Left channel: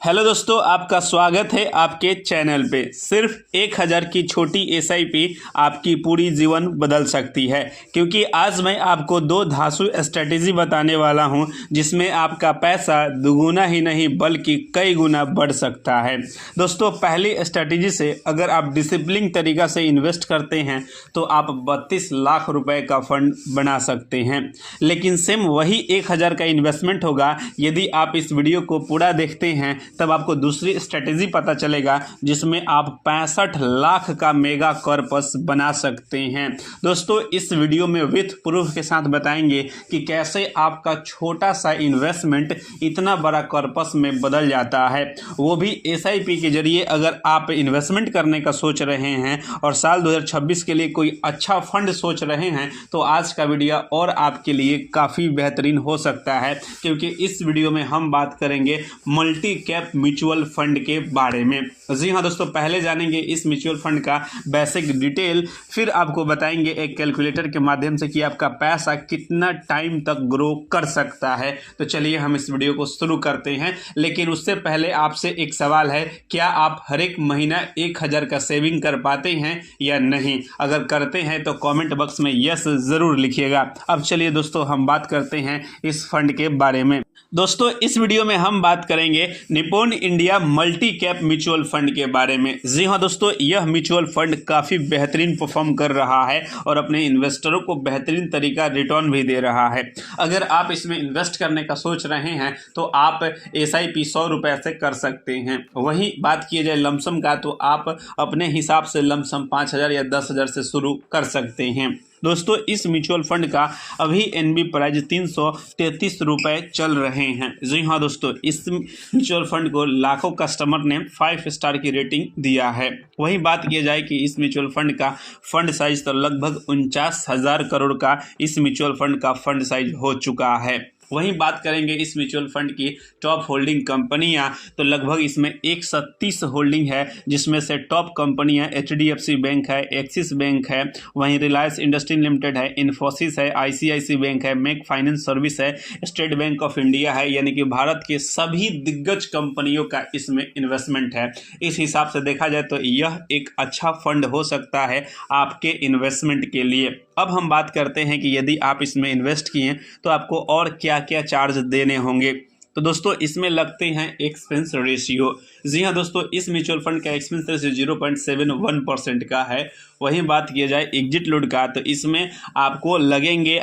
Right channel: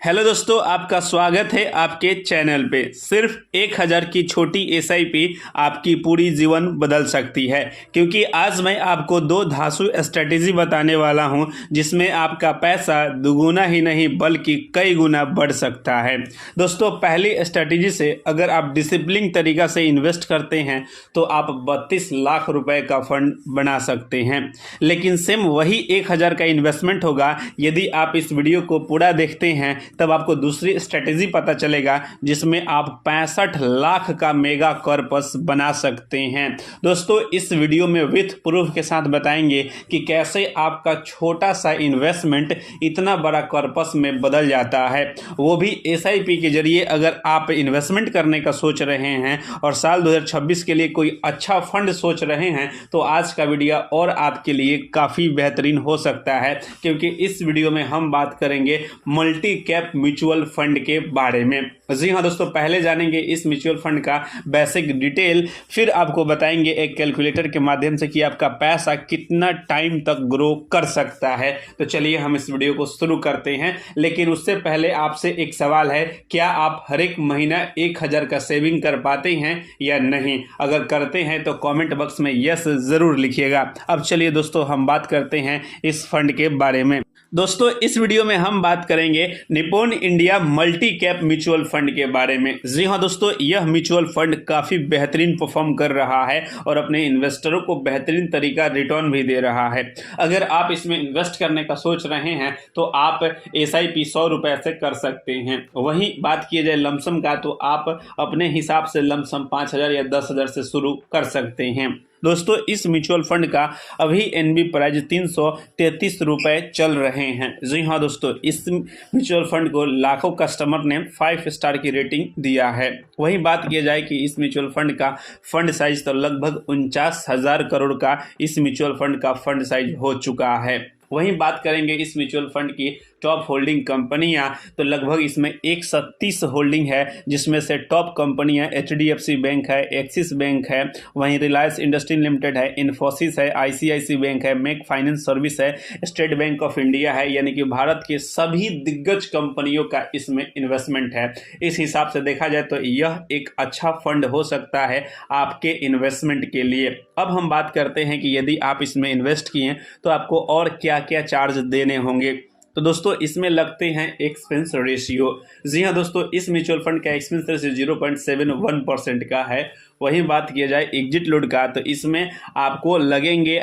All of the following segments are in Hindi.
हेलो दोस्तों, आपका स्वागत है आपके चैनल पे। सिर्फ 1000 की छोटी एसआईपी आपकी पूरी जीवन बदल सकती है, क्योंकि आज मैं आपको दो धांसू स्ट्रेटेजी बताने वाला हूं जिसमें आपका पैसा दुगुना ही नहीं बल्कि कई गुना बढ़ सकता है। दोस्तों, पहली स्ट्रेटेजी से अगर आप डिसिप्लिन तरीका से इन्वेस्ट करते हैं तो आप 32 लाख रुपए का फंड बना सकते हैं। लेकिन सेम वही 1000 का इन्वेस्टमेंट होगा यदि आप इस वीडियो को पूरा देखते हैं, तब आपको दूसरी स्ट्रेटेजी पता चलेगा जिसमें आप 65 लाख का मेगा कॉर्पस बना सकते हैं। दोस्तों, इस वीडियो में विथ प्रूफ के साथ बताएंगे कि कैसे आपका छोटा सा इन्वेस्टमेंट इतना बड़ा कॉर्पस में बदल जाता है, वो भी एसआईपी के जरिए। अगर आप इन्वेस्टमेंट करने का सोच रहे हैं और साल 2026 के लिए कोई अच्छा फंड सोच रहे हैं तो आज का वीडियो और आपके लिए काफ़ी बेहतरीन हो सकता है, क्योंकि इस वीडियो में हम बात करेंगे मल्टी कैप म्यूचुअल फंड के बारे में। जी हाँ दोस्तों, पहले जानेंगे इस म्यूचुअल फंड का बेसिक डिटेल, फिर आपको बताएंगे एक कैलकुलेटर के माध्यम से कि आपका पैसा कितना टाइम तक ग्रो कर सकता है। तो चलिए हम इस वीडियो को शुरू करते हैं। लेकिन उससे पहले आपसे एक सवाल है, क्या आप हर एक महीना 1000 का सेविंग कर पाते हैं या नहीं? अगर करते हैं तो कमेंट बॉक्स में यस जरूर लिखिएगा। अब चलिए दोस्तों, हम बात करते हैं इस फंड के बारे में। दोस्तों, इस वीडियो में हम बात करेंगे Nippon India multi cap mutual fund के बारे में। जी हाँ दोस्तों, यह म्यूचुअल फंड काफ़ी बेहतरीन परफॉर्म कर रहा है और अपने इन्वेस्टरों को बेहतरीन तरीका रिटर्न भी दे रहा है। अगर आप इसमें इन्वेस्ट करने का सोच रहे हैं तो आप एसआईपी 100 रुपये से कर सकते हैं। वहीं बात किया जाए लमसम का तो आप अपने हिसाब से लमसम 5000 या 10,000 से शुरू कर सकते हैं। दोस्तों, इस म्यूचुअल फंड का अभी एनबी प्राइस 333 रुपये चल रहे हैं। जी हाँ दोस्तों, इस म्यूचुअल फंड को लाखों कस्टमर ने 5 स्टार की रेटिंग दिया है। वहीं बात किया जाए कि इस म्यूचुअल फंड का फंड साइज तो लगभग 49,000 करोड़ का इस म्यूचुअल फंड का फंड साइज हो चुका है। वहीं बात करेंगे इस म्यूचुअल फंड की टॉप होल्डिंग कंपनियां, तो लगभग इसमें 136 होल्डिंग है, जिसमें से टॉप कंपनियां एचडीएफसी बैंक है, एक्सिस बैंक है, वहीं रिलायंस इंडस्ट्री लिमिटेड है, इन्फोसिस है, आईसीआईसी बैंक है, मेक फाइनेंस सर्विस है, स्टेट बैंक ऑफ इंडिया है। यानी कि भारत के सभी दिग्गज कंपनियों का इसमें इन्वेस्टमेंट है। इस हिसाब से देखा जाए तो यह एक अच्छा फंड हो सकता है आपके इन्वेस्टमेंट के लिए। अब हम बात करते हैं कि यदि आप इसमें इन्वेस्ट किए तो आपको और क्या क्या चार्ज देने होंगे। तो दोस्तों, इसमें लगते हैं एक्सपेंस रेशियो। जी हाँ दोस्तों, इस म्यूचुअल फंड का एक्सपेंस रेशियो 0.71% का है। वहीं बात किया जाए एग्जिट लोड का तो इसमें आपको लगेंगे,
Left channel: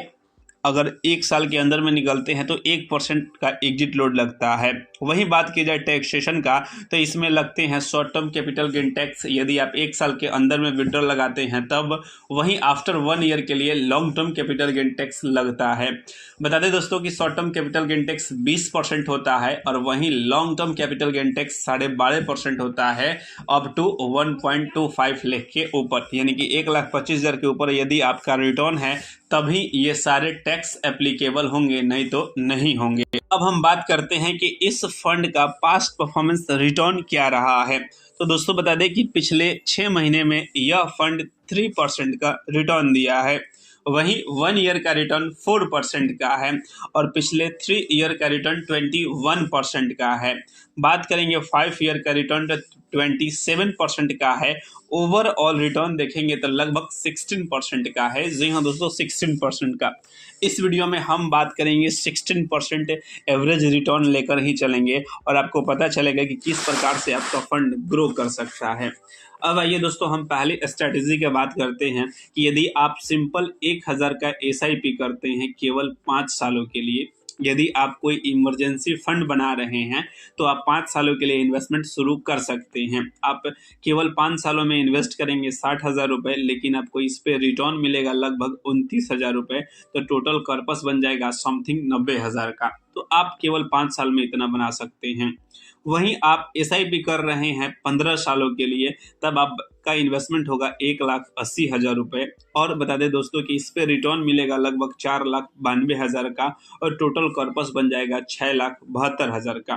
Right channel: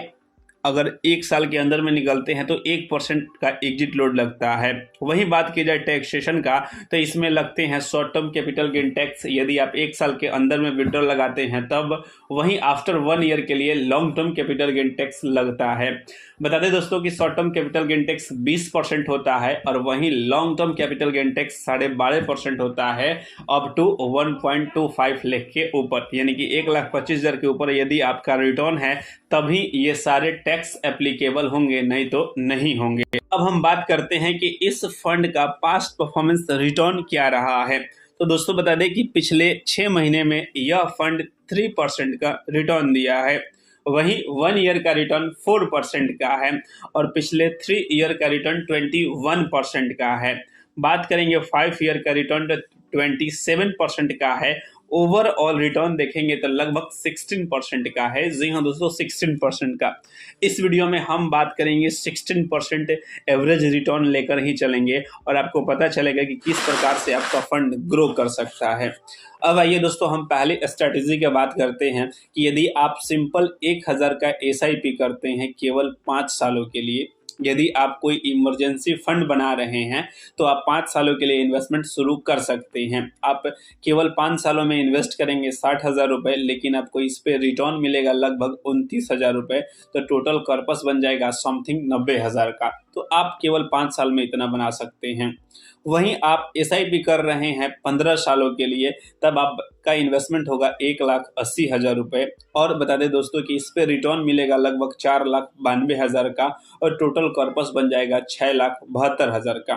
अगर 1 साल के अंदर में निकलते हैं तो 1% का एग्जिट लोड लगता है। वहीं बात की जाए टैक्सेशन का तो इसमें लगते हैं short term capital gain tax, यदि आप 1 साल के अंदर में विड्रॉल लगाते हैं तब। वहीं आफ्टर 1 ईयर के लिए long term capital gain tax लगता है। बता दें दोस्तों कि short term capital gain tax 20% होता है और वहीं long term capital gain tax 12.5% होता है, अप टू 1.25 लाख के ऊपर। यानी कि 1,25,000 के ऊपर यदि आपका रिटर्न है तभी ये सारे टैक्स एप्लीकेबल होंगे, नहीं तो नहीं होंगे। अब हम बात करते हैं कि इस फंड का पास्ट परफॉर्मेंस रिटर्न क्या रहा है। तो दोस्तों, बता दें कि पिछले 6 महीने में यह फंड 3% का रिटर्न दिया है। वहीं 1 ईयर का रिटर्न 4% का है और पिछले 3 ईयर का रिटर्न 21% का है। बात करेंगे 5 ईयर का रिटर्न 27% का है। ओवरऑल रिटर्न देखेंगे तो लगभग 16% का है। जी हाँ दोस्तों, 16% का। इस वीडियो में हम बात करेंगे 16% एवरेज रिटर्न लेकर ही चलेंगे और आपको पता चलेगा कि किस प्रकार से आपका फंड ग्रो कर सकता है। अब आइए दोस्तों, हम पहले स्ट्रैटेजी की बात करते हैं कि यदि आप सिंपल 1000 का एसआईपी करते हैं केवल 5 सालों के लिए, यदि आप कोई इमरजेंसी फंड बना रहे हैं तो आप 5 सालों के लिए इन्वेस्टमेंट शुरू कर सकते हैं। आप केवल 5 सालों में इन्वेस्ट करेंगे 60,000 रुपये, लेकिन आपको इस पे रिटर्न मिलेगा लगभग 29,000 रुपये। तो टोटल कॉर्पस बन जाएगा समथिंग 90,000 का। तो आप केवल 5 साल में इतना बना सकते हैं। वहीं आप एसआईपी कर रहे हैं 15 सालों के लिए, तब आपका इन्वेस्टमेंट होगा 1,80,000 रुपये। और बता दें दोस्तों कि इस पे रिटर्न मिलेगा लगभग 4,92,000 का और टोटल कॉर्पस बन जाएगा 6,72,000 का।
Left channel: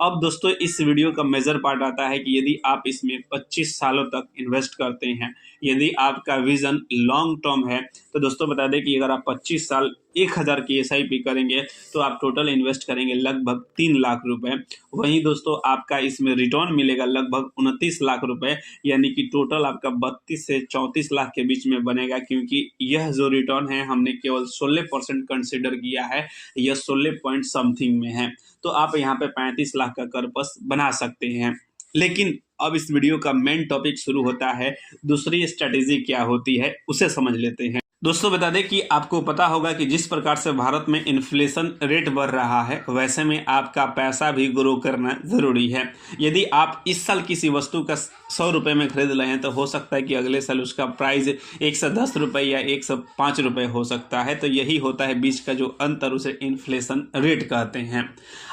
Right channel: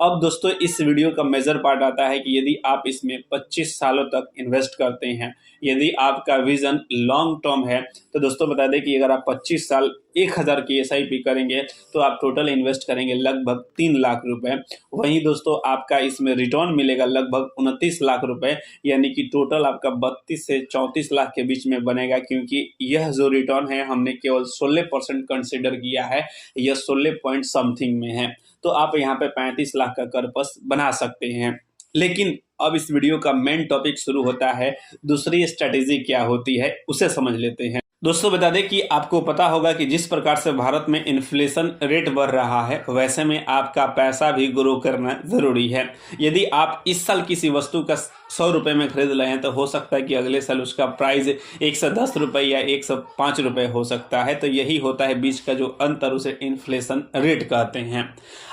अब दोस्तों इस वीडियो का मेजर पार्ट आता है कि यदि आप इसमें 25 सालों तक इन्वेस्ट करते हैं, यदि आपका विजन लॉन्ग टर्म है, तो दोस्तों बता दें कि अगर आप 25 साल 1000 की एसआईपी करेंगे तो आप टोटल इन्वेस्ट करेंगे लगभग 3 लाख रुपए। वहीं दोस्तों आपका इसमें रिटर्न मिलेगा लगभग 29 लाख रुपए, यानी कि टोटल आपका 32 से 34 लाख के बीच में बनेगा, क्योंकि यह जो रिटर्न है हमने केवल 16% कंसिडर किया है, यह 16 पॉइंट समथिंग में है। तो आप यहाँ पे 35 लाख का कर्पस बना सकते हैं। लेकिन अब इस वीडियो का मेन टॉपिक शुरू होता है, दूसरी स्ट्रेटेजी क्या होती है उसे समझ लेते हैं। दोस्तों बता दें कि आपको पता होगा कि जिस प्रकार से भारत में इन्फ्लेशन रेट बढ़ रहा है, वैसे में आपका पैसा भी ग्रो करना जरूरी है। यदि आप इस साल किसी वस्तु का 100 रुपये में खरीद रहे हैं तो हो सकता है कि अगले साल उसका प्राइस 110 रुपये या 105 रुपये हो सकता है। तो यही होता है बीच का जो अंतर, उसे इन्फ्लेशन रेट कहते हैं।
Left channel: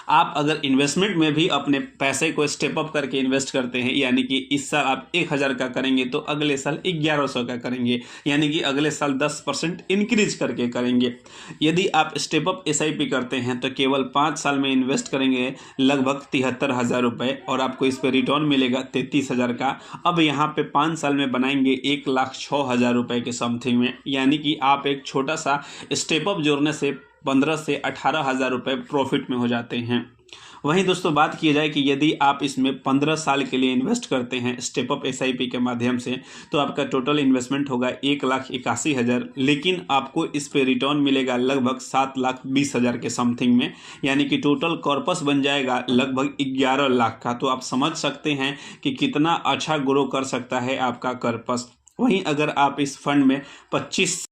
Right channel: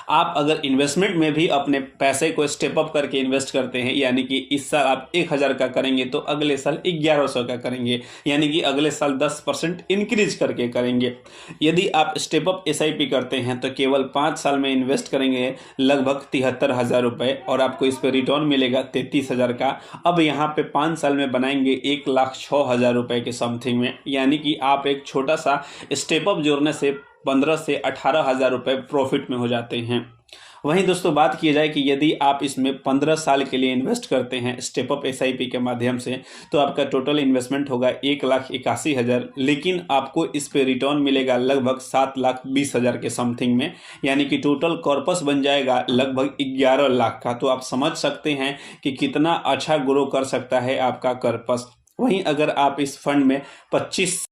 आप अगर इन्वेस्टमेंट में भी अपने पैसे को स्टेप अप करके इन्वेस्ट करते हैं, यानी कि इस साल आप 1000 का करेंगे तो अगले साल 1100 का करेंगे, यानी कि अगले साल 10% इंक्रीज करके करेंगे। यदि आप स्टेप अप एसआईपी करते हैं तो केवल 5 साल में इन्वेस्ट करेंगे लगभग 73,000 रुपये और आपको इस पर रिटर्न मिलेगा 33,000 का। अब यहाँ पे 5 साल में बनाएंगे 1,06,000 रुपये के समथिंग में, यानी कि आप एक छोटा सा स्टेप अप जोड़ने से 15 से 18,000 रुपये प्रॉफिट में हो जाते हैं। वहीं दोस्तों बात की जाए कि यदि आप इसमें 15 साल के लिए इन्वेस्ट करते हैं स्टेप अप एसआईपी के माध्यम से, तो आपका टोटल इन्वेस्टमेंट होगा 1,81,000, लेकिन आपको इस पे रिटर्न मिलेगा लगभग 7,20,000 के समथिंग में, यानी कि टोटल कॉर्पस बन जाएगा लगभग 11 लाख का। तो आप समझ सकते हैं कि कितना अच्छा ग्रो कर सकता है आपका कॉर्पस। वहीं अगर आप इस फंड में 25